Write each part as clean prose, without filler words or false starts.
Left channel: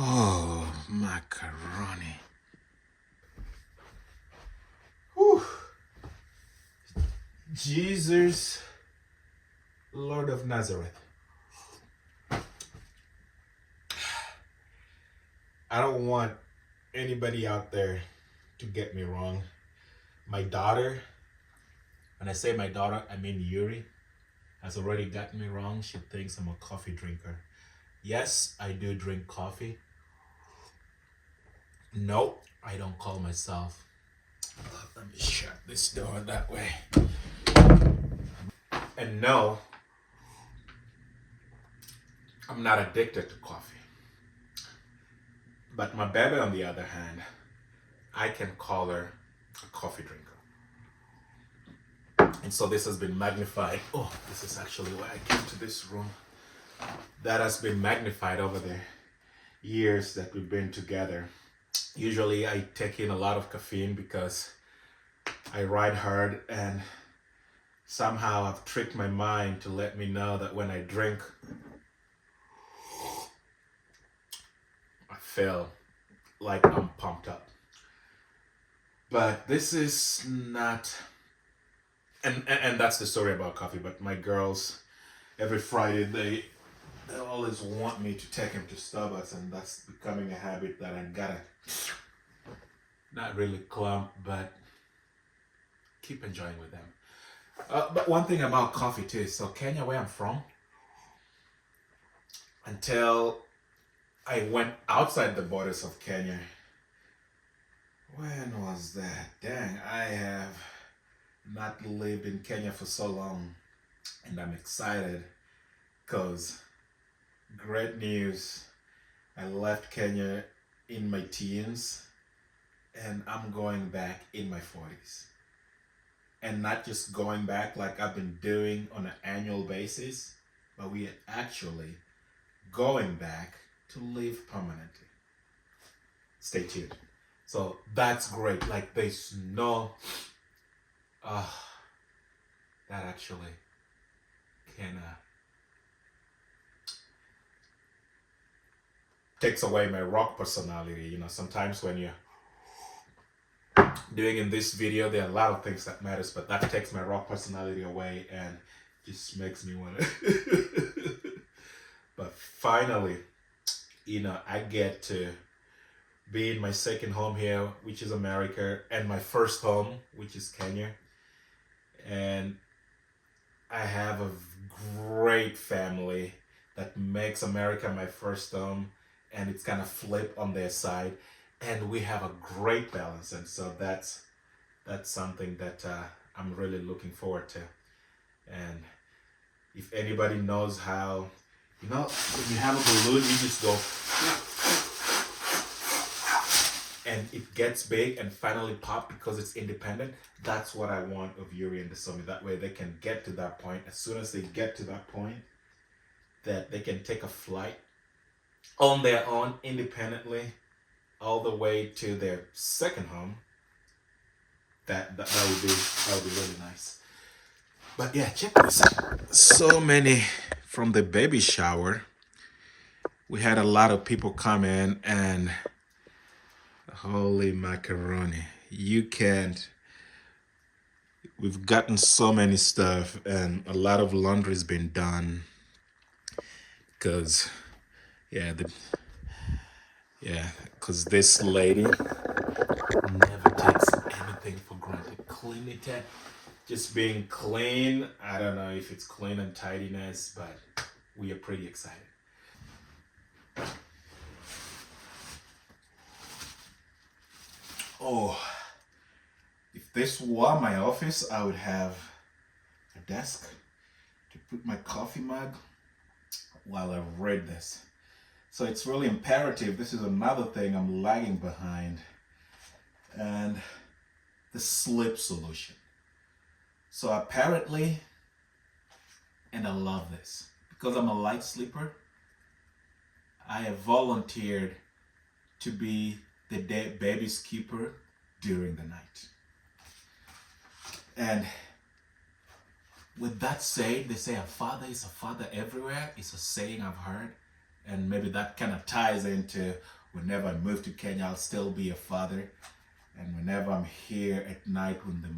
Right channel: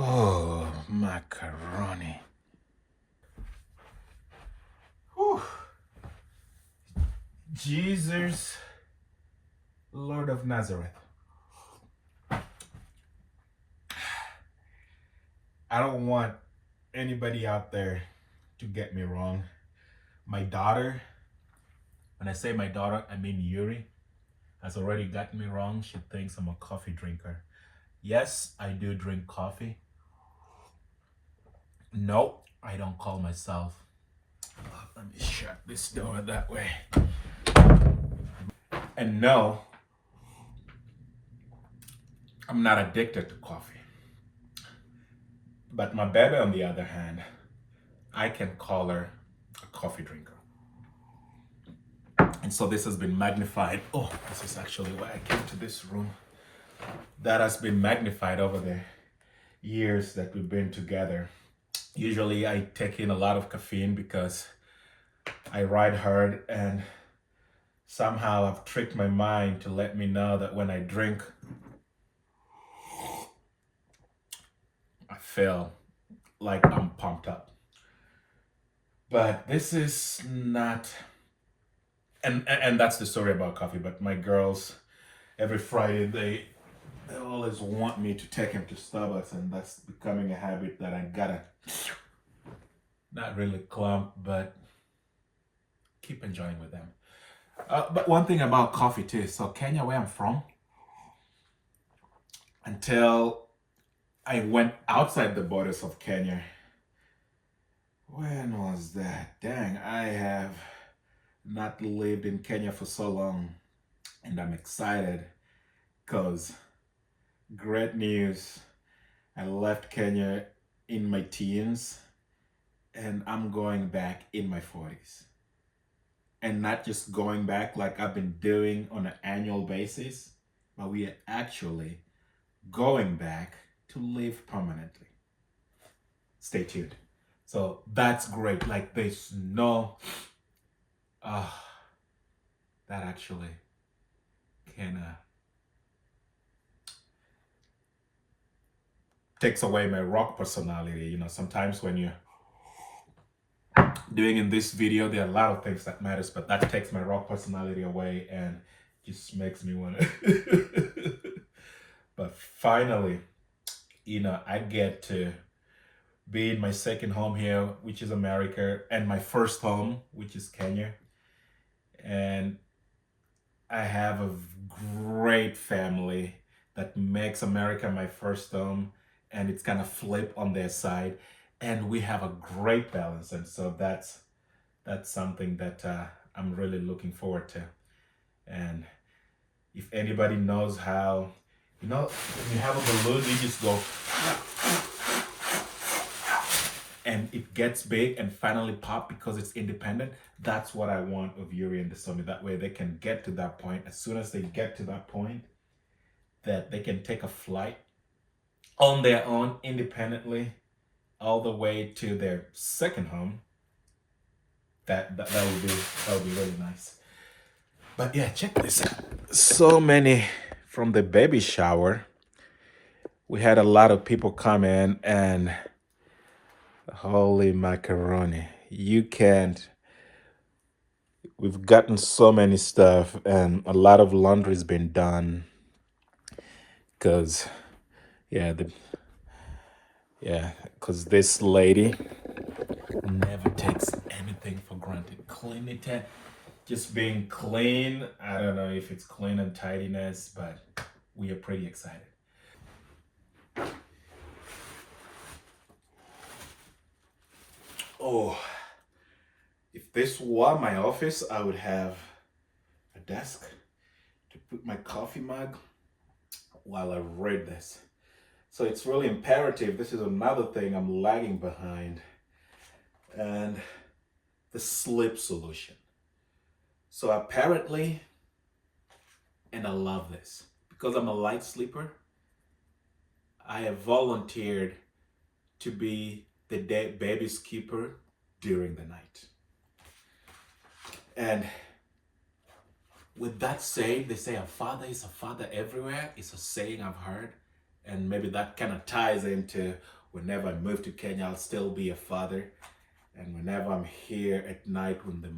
Oh, macaroni. Whew. Jesus, Lord of Nazareth. I don't want anybody out there to get me wrong. My daughter, when I say my daughter, I mean Yuri, has already gotten me wrong. She thinks I'm a coffee drinker. Yes, I do drink coffee. No, I don't call myself. Let me shut this door that way. And no, I'm not addicted to coffee. But my baby, on the other hand, I can call her a coffee drinker. And so this has been magnified. Oh, this is actually why I came to this room. That has been magnified over the years that we've been together. Usually I take in a lot of caffeine because I ride hard, and somehow I've tricked my mind to let me know that when I drink, I feel like I'm pumped up. But this is not, and that's the story about coffee. But my girls, every Friday, they always want me to take him to Starbucks, and that's becoming a habit that I gotta not really clump, but keep enjoying with them. But one thing about coffee too, so Kenya, where I'm from, until I went outside the borders of Kenya. When was that? Dang, I have not lived in Kenya for so long, and I'm excited because great news. I left Kenya in my teens, and I'm going back in my 40s. And not just going back like I've been doing on an annual basis, but we are actually going back to live permanently. Stay tuned. So that's great. Like there's no, that actually can takes away my rock personality. You know, sometimes when you're doing in this video, there are a lot of things that matters, but that takes my rock personality away and just makes me want to. But finally, you know, I get to be in my second home here, which is America, and my first home, which is Kenya. And I have a great family that makes America my first home, and it's gonna flip on their side, and we have a great balance. And so that's something that I'm really looking forward to. And if anybody knows how, you know, when you have a balloon, you just go and it gets big and finally pop because it's independent. That's what I want of Yuri and the Somi. That way they can get to that point. As soon as they get to that point, that they can take a flight on their own independently all the way to their second home. That would be really nice. But yeah, check this out. So many from the baby shower. We had a lot of people come in, and holy macaroni. You can't. We've gotten so many stuff, and a lot of laundry's been done. Cause yeah, cause this lady never takes anything for granted. Clean it, just being clean. I don't know if it's clean and tidiness, but we are pretty excited. Oh, if this were my office, I would have a desk to put my coffee mug while I read this. So it's really imperative. This is another thing I'm lagging behind. And the sleep solution. So apparently, and I love this, because I'm a light sleeper, I have volunteered to be the baby's keeper during the night. And with that said, they say a father is a father everywhere. It's a saying I've heard. And maybe that kind of ties into whenever I move to Kenya, I'll still be a father. And whenever I'm here at night when the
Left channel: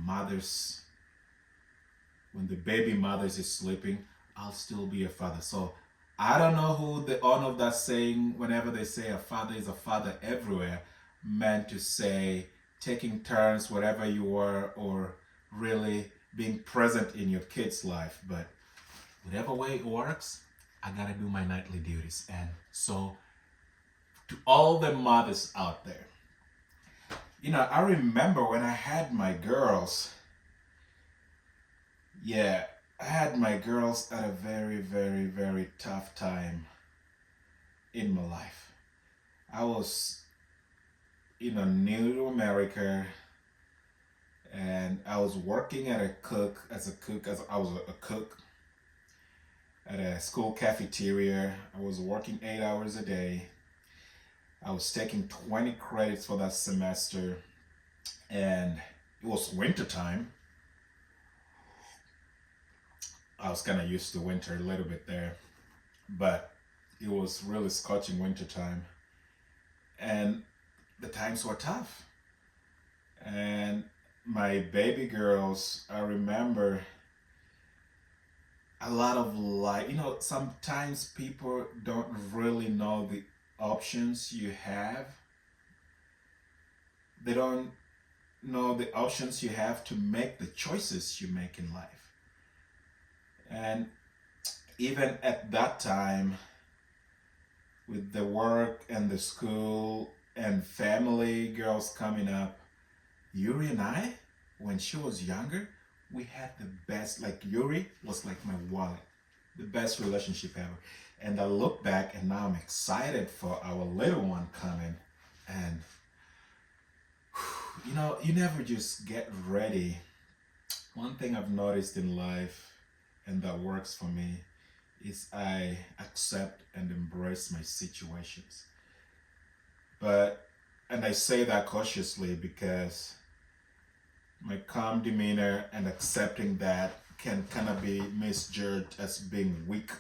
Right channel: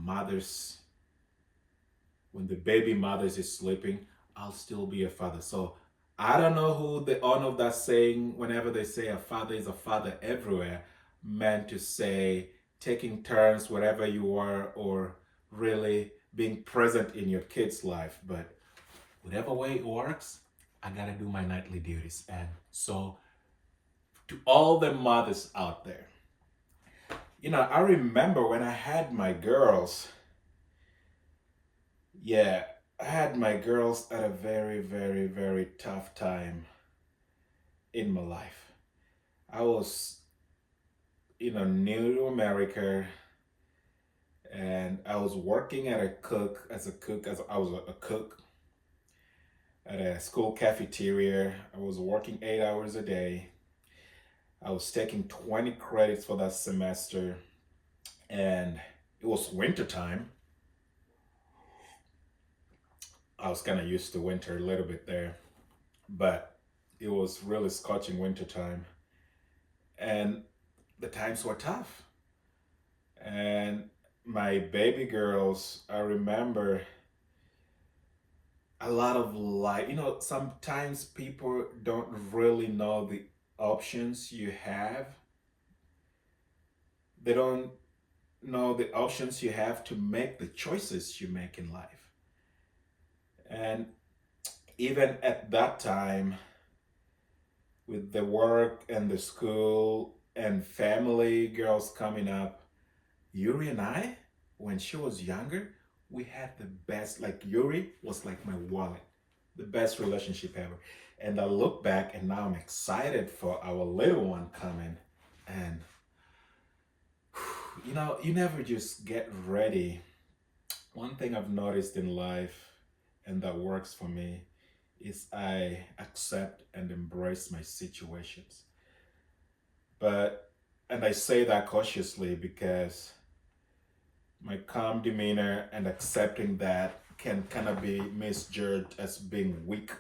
baby mothers is sleeping, I'll still be a father. So I don't know who the owner of that saying, whenever they say a father is a father everywhere, meant to say taking turns wherever you are or really being present in your kid's life. But whatever way it works, I gotta do my nightly duties. And so to all the mothers out there, I remember when I had my girls. Yeah, I had my girls at a very, very, very tough time in my life. I was, new to America, and I was working at I was a cook at a school cafeteria. I was working 8 hours a day. I was taking 20 credits for that semester, and it was winter time. I was kind of used to winter a little bit there, but it was really scorching winter time, and the times were tough. And my baby girls, I remember a lot of life. Sometimes people don't really know the options you have. They don't know the options you have to make the choices you make in life. And even at that time, with the work and the school and family girls coming up, Yuri and I, when she was younger, we had the best, like Yuri was like my wallet, the best relationship ever. And I look back and now I'm excited for our little one coming. And, you never just get ready. One thing I've noticed in life, and that works for me, is I accept and embrace my situations. And I say that cautiously because my calm demeanor and accepting that can kind of be misjudged as being weak.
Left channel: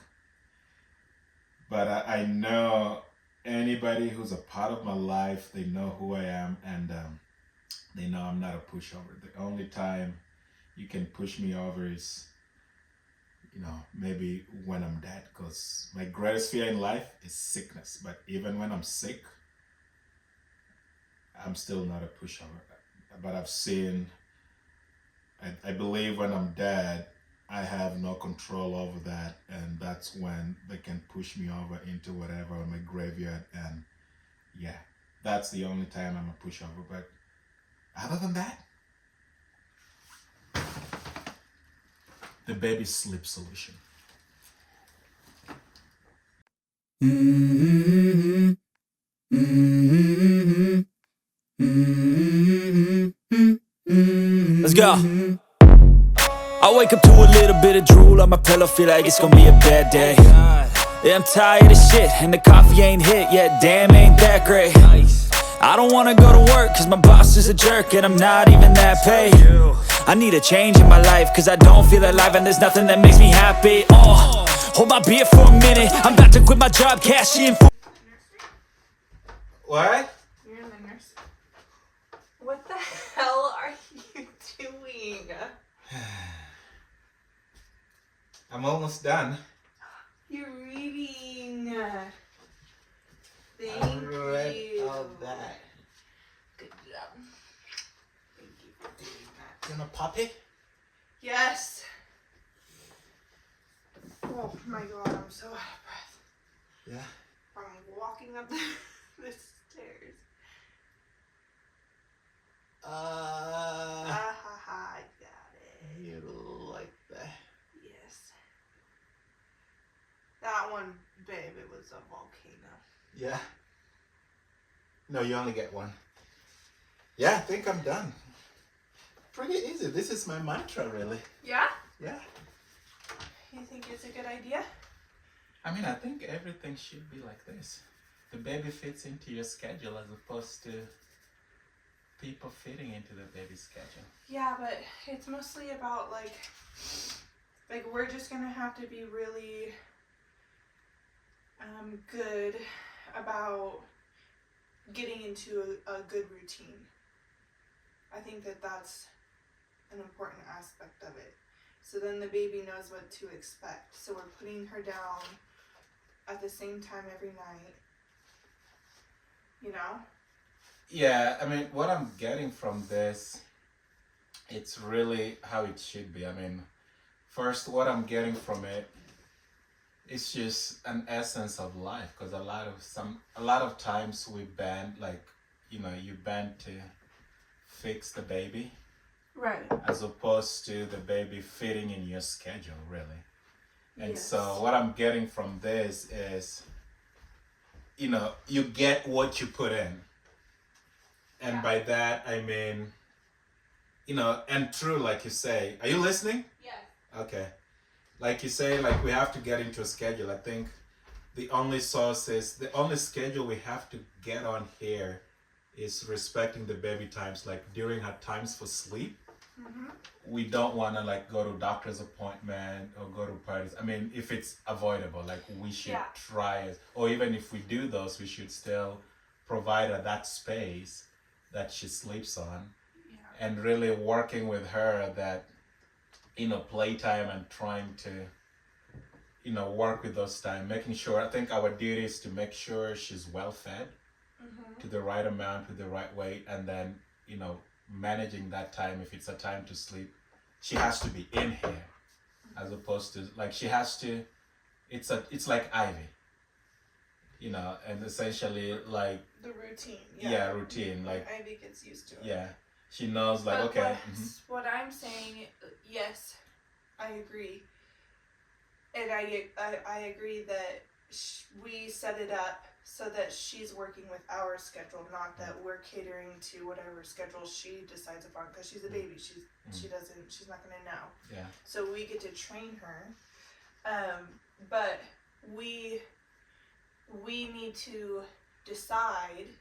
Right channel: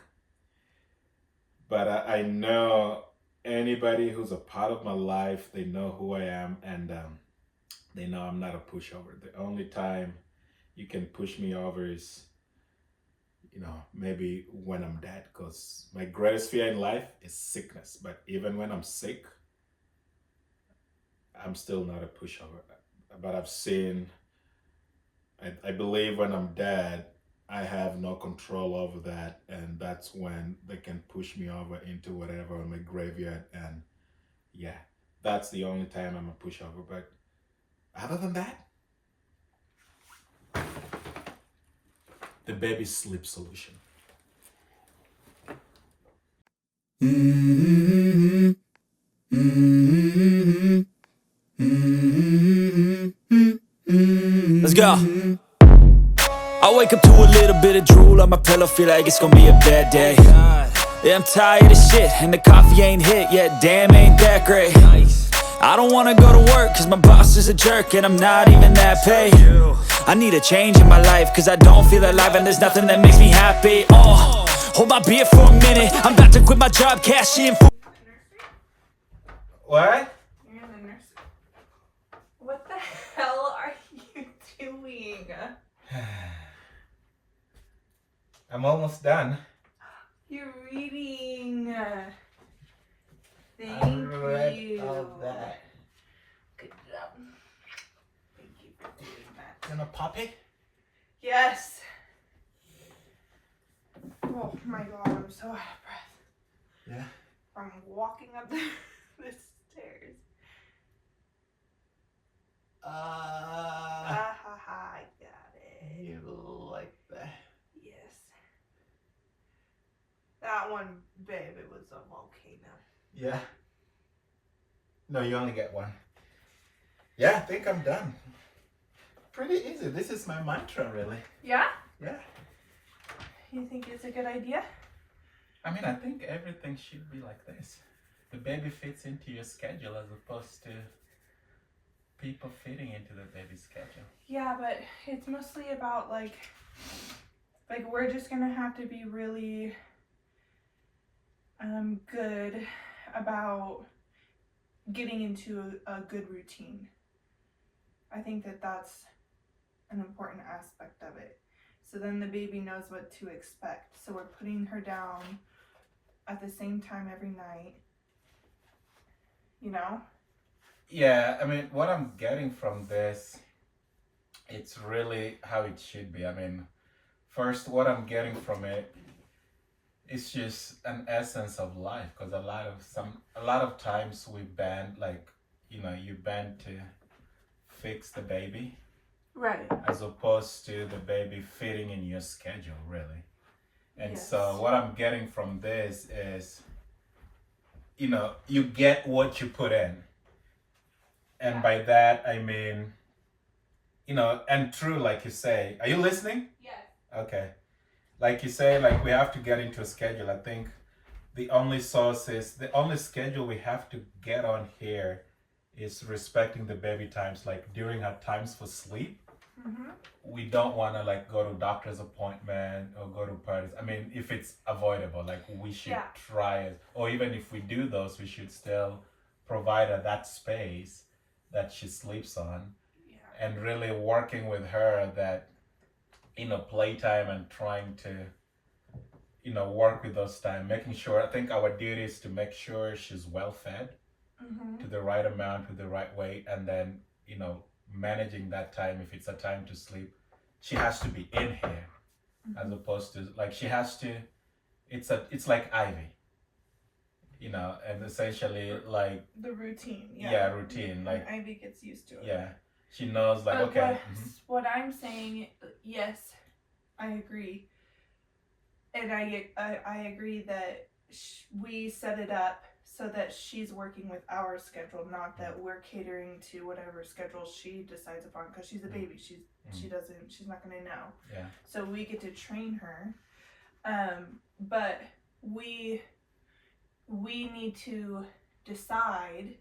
But I know anybody who's a part of my life, they know who I am, and they know I'm not a pushover. The only time you can push me over is, maybe when I'm dead, because my greatest fear in life is sickness. But even when I'm sick, I'm still not a pushover. But I believe when I'm dead, I have no control over that, and that's when they can push me over into whatever on my graveyard. And yeah, that's the only time I'm a pushover. But other than that, the baby sleep solution. Let's go. I wake up to a little bit of drool on my pillow, feel like it's gonna be a bad day. Yeah, I'm tired of shit, and the coffee ain't hit yet, damn, ain't that great. I don't wanna go to work, cause my boss is a jerk, and I'm not even that paid. I need a change in my life, cause I don't feel alive, and there's nothing that makes me happy. Hold my beer for a minute, I'm about to quit my job, cash in for... What? You're in the nurse. What the hell are you doing? I'm almost done. You're reading. Thank I read you. all that. Good job. Thank you for doing that. You want a puppy? Yes. Oh my god, I'm so out of breath. Yeah. From walking up the stairs. Ha ha, I got it. You like that? Yes. That one, babe, it was a volcano. Yeah. No, you only get one. Yeah, I think I'm done. Pretty easy. This is my mantra, really. Yeah? Yeah. You think it's a good idea? I mean, I think everything should be like this. The baby fits into your schedule as opposed to people fitting into the baby's schedule. Yeah, but it's mostly about like we're just gonna have to be really good about getting into a good routine. I think that that's an important aspect of it. So then the baby knows what to expect. So we're putting her down at the same time every night. You know? Yeah, I mean, what I'm getting from this, it's really how it should be. I mean, first, what I'm getting from it, it's just an essence of life. Because a lot of times we bend, like, you bend to fix the baby, Right. as opposed to the baby fitting in your schedule, really. And Yes. so what I'm getting from this is, you get what you put in. And Yeah. by that, I mean, and true, like you say, are you listening? Yes. Okay. Like you say, like we have to get into a schedule. I think the only schedule we have to get on here is respecting the baby times. Like during her times for sleep, we don't want to like go to doctor's appointment or go to parties. I mean, if it's avoidable, like we should try it. Or even if we do those, we should still provide her that space that she sleeps on. Yeah. And really working with her that, playtime and trying to, work with those time, making sure, I think our duty is to make sure she's well fed to the right amount, with the right weight, and then, managing that time. If it's a time to sleep, she has to be in here, as opposed to like she has to, it's like Ivy, and essentially like the routine. Yeah, routine. Like Ivy gets used to it. Yeah, she knows like but okay. What I'm saying, yes, I agree, and I agree that we set it up so that she's working with our schedule, not that we're catering to whatever schedule she decides upon, because she's a baby. She's not gonna know. Yeah. So we get to train her, but we need to decide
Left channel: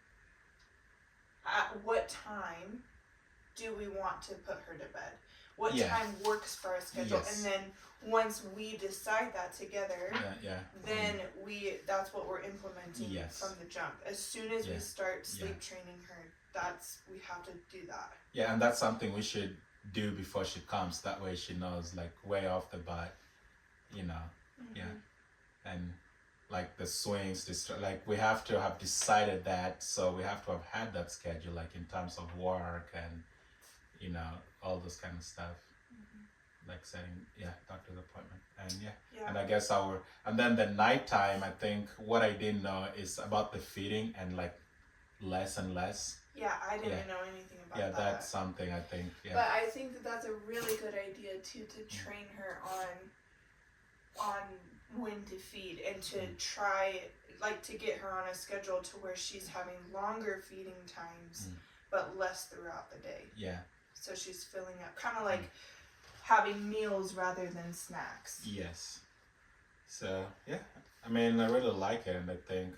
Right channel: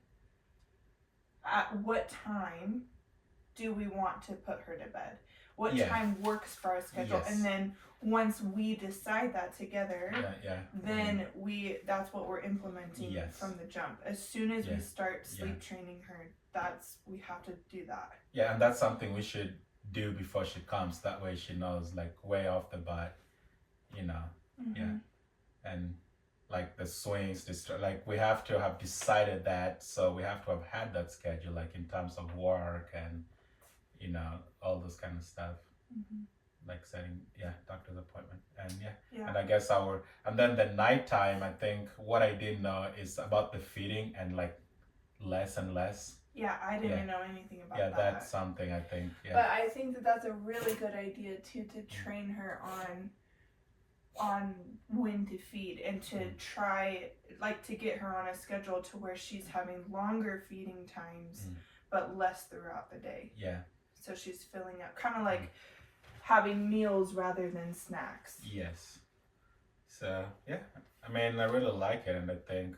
at what time do we want to put her to bed. What time works for our schedule, and then once we decide that together, then that's what we're implementing from the jump. As soon as we start sleep training her, we have to do that. Yeah, and that's something we should do before she comes. That way she knows, like, way off the bat, and like the swings, like we have to have decided that, so we have to have had that schedule, like in terms of work and all those kind of stuff, like setting doctor's appointment, and and I guess and then the nighttime, I think what I didn't know is about the feeding, and like less and less. Yeah, I didn't know anything about that. Yeah, that's something I think. Yeah. But I think that that's a really good idea too, to train her on when to feed, and to try, like, to get her on a schedule to where she's having longer feeding times, but less throughout the day. Yeah. So she's filling up, kind of like having meals rather than snacks. Yes. So yeah, I mean, I really like it, and I think,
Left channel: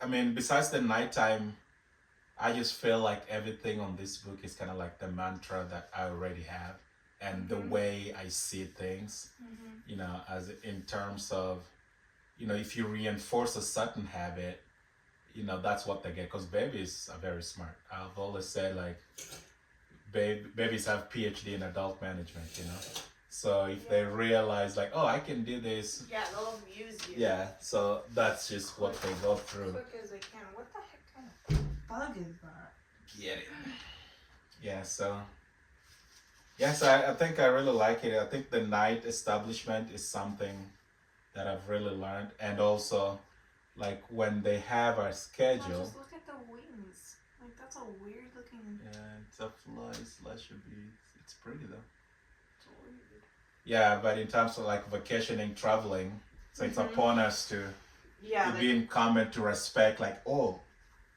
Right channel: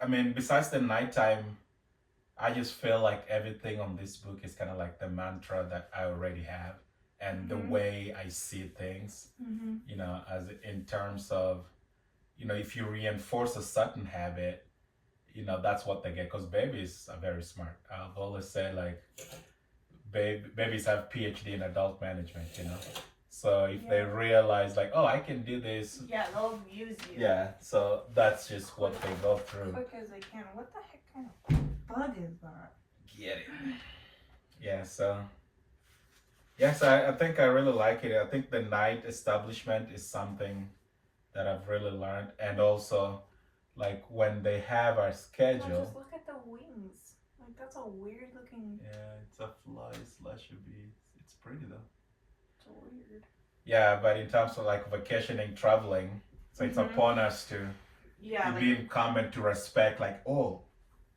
I mean, besides the nighttime, I just feel like everything on this book is kind of like the mantra that I already have, and the way I see things, as in terms of, if you reinforce a certain habit, that's what they get, because babies are very smart. I've always said, like, babies have PhD in adult management, so if they realize, like, oh, I can do this, they'll use you. Yeah, so that's just what they go through. Quick as they can. What the heck kind of bug is that? Get it. Yeah, so yes, I think I really like it. I think the night establishment is something that I've really learned, and also, like, when they have our schedule. Oh, just look at the wings. Like, that's a weird looking. Yeah, it's a fly/a-bee. It's pretty though. It's weird. Yeah, but in terms of like vacationing, traveling, so it's upon us to be incumbent to respect, like, oh,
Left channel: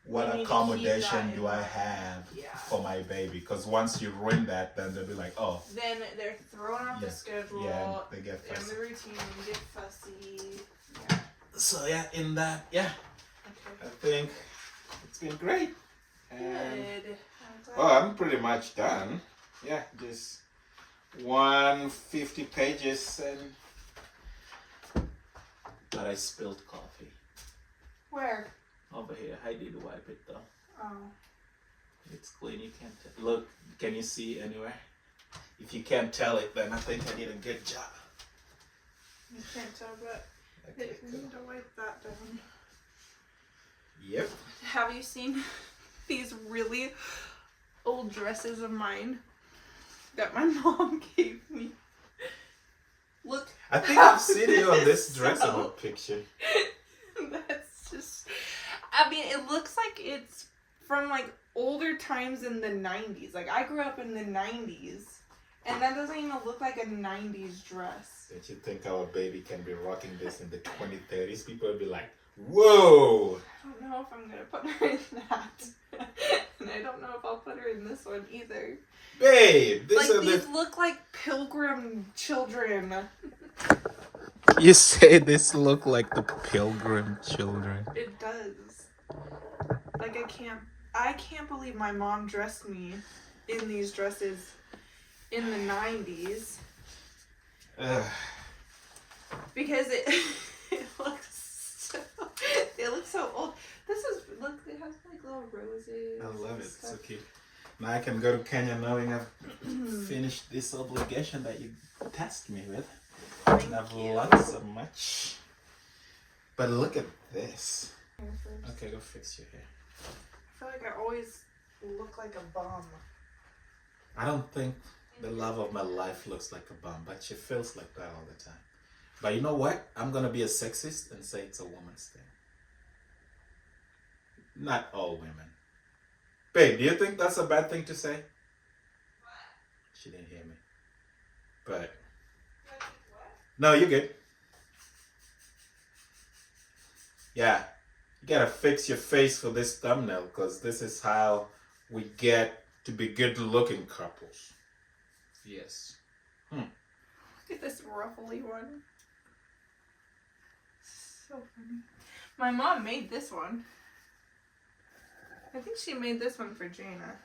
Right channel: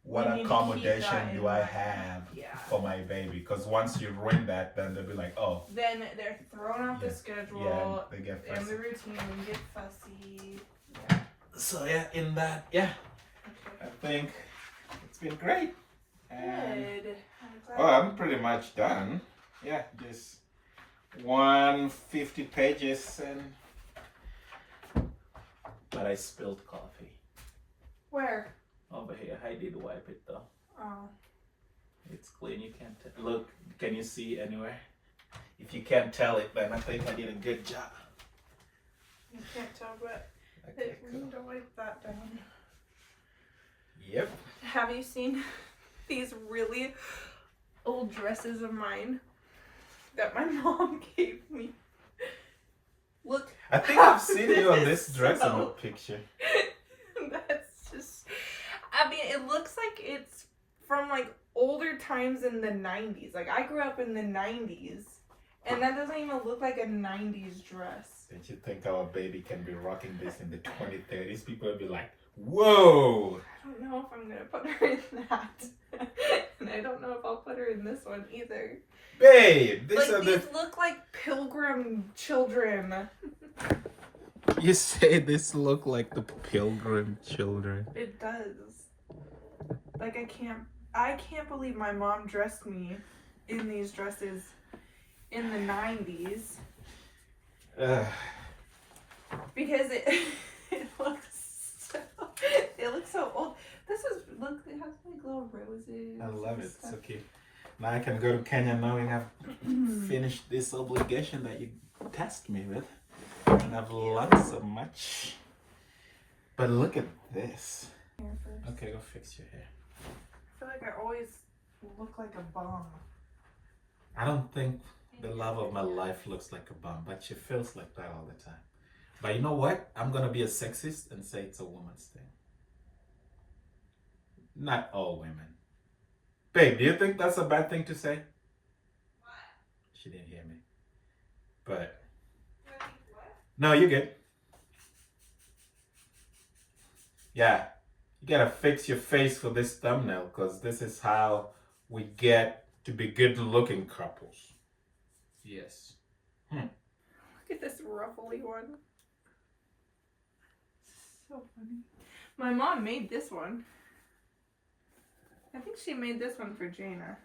what accommodation do I have for my baby? Because once you ruin that, then they'll be like, oh. Then they're thrown off the schedule. Yeah, they get fussy. And the routine, and get fussy. Yeah. So in that, I think it's been great. And, good. I'm pretty much done. Yeah, just 150 pages, and But I spilled coffee. Where? Over here. I did wipe it though. Oh. It's clean. You can't tell. Look, can you see anywhere? If you can't tell it, then I think I did a good job. You can't tell, but Okay, we cool. need to wipe that down. Yep. Have you seen these really old dresses of mine that my mom gave me? Look. I think I've seen you on this is dress in so- the picture. That's just. I mean, it looks like it's from like older times in the 90s. Like, I grew up in the 90s, and that doesn't even look like a 90s dress. Don't you think our baby can be rocking this in the 2030s? People will be like, whoa! I don't know if I'm gonna put her in that. And I don't know if I'll put her in this one either. Babe, Like, these look like pilgrim children. You say this look like the Pilgrim children. It does. Like, I can't believe my mom dressed me in these dresses in the 90s. Because it looks so old. This is, look, it has like little roses. I love and it. stuff. So cute. Now I can go to Kenya knowing I've finished this obligation that you tasked me with. And I've learned so much. But look at this. Okay, go fix your hair. I feel like I always look like a bum. I don't think the love of my life looks like a bum, but she feels like that all the time. But you know what? I'm gonna be a sexist and say it's a woman's thing. Not all women. Babe, do you think that's a bad thing to say? What? She didn't hear me. But no, you're good. Yeah, you gotta fix your face for this thumbnail because this is how we get to be good-looking couples. Yes. Look at this ruffly one. So funny. My mom made this one. I think she made this one for Jaina.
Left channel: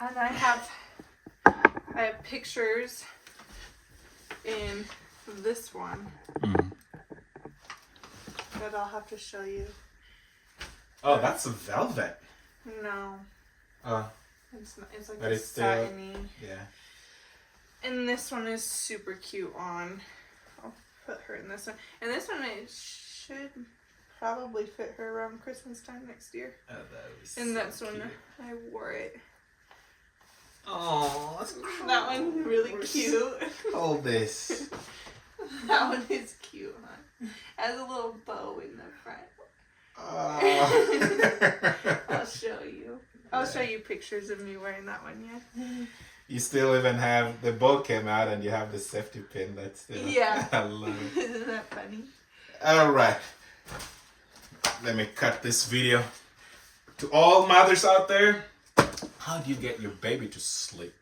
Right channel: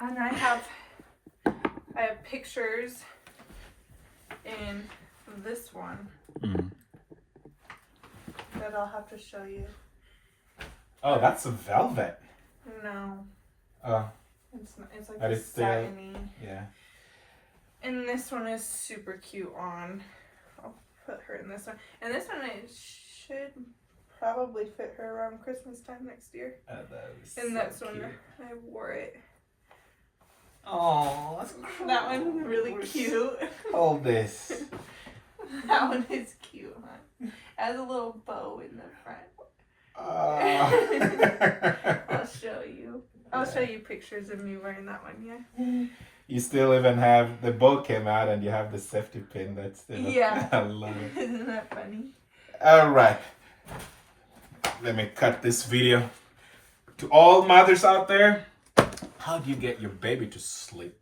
And I have pictures in this one that I'll have to show you. Oh, that's a velvet. No, it's not. It's like But a it's still- satiny. Yeah. And this one is super cute on. I'll put her in this one. And this one it should probably fit her around Christmas time next year. Oh, that was And so that's when cute. I wore it. Oh, That one's really cute. Hold this. That one is cute, huh? Has a little bow in the front. Oh. I'll show you. I'll show you pictures of me wearing that one, yeah? You still even have the bow came out and you have the safety pin. That's still. Yeah. I love it. Isn't that funny? All right. Let me cut this video. To all mothers out there, how do you get your baby to sleep?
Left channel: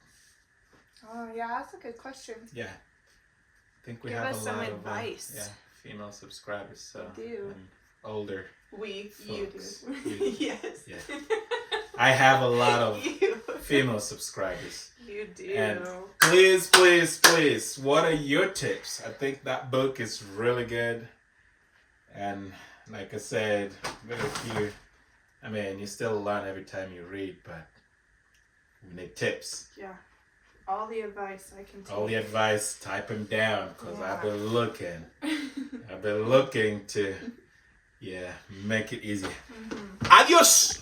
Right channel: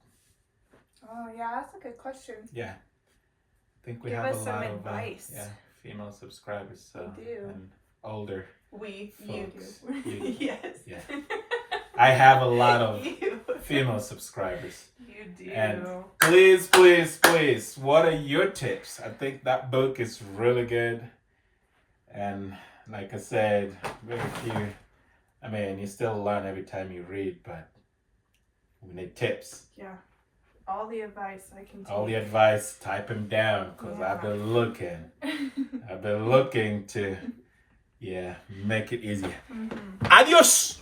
Oh, yeah, that's a good question. Yeah. I think we Give have us a some lot advice. of female subscribers. So, We do. and older. You Folks, do. you do. Yes. Yeah. I have a lot of You. female subscribers. You do. And please, please, please, what are your tips? I think that book is really good. And like I said, very few. I mean, you still learn every time you read, but we need tips. Yeah. All the advice I can take. All the advice, type them down because Yeah. I've been looking. I've been looking to, make it easier. Mhm. Adios!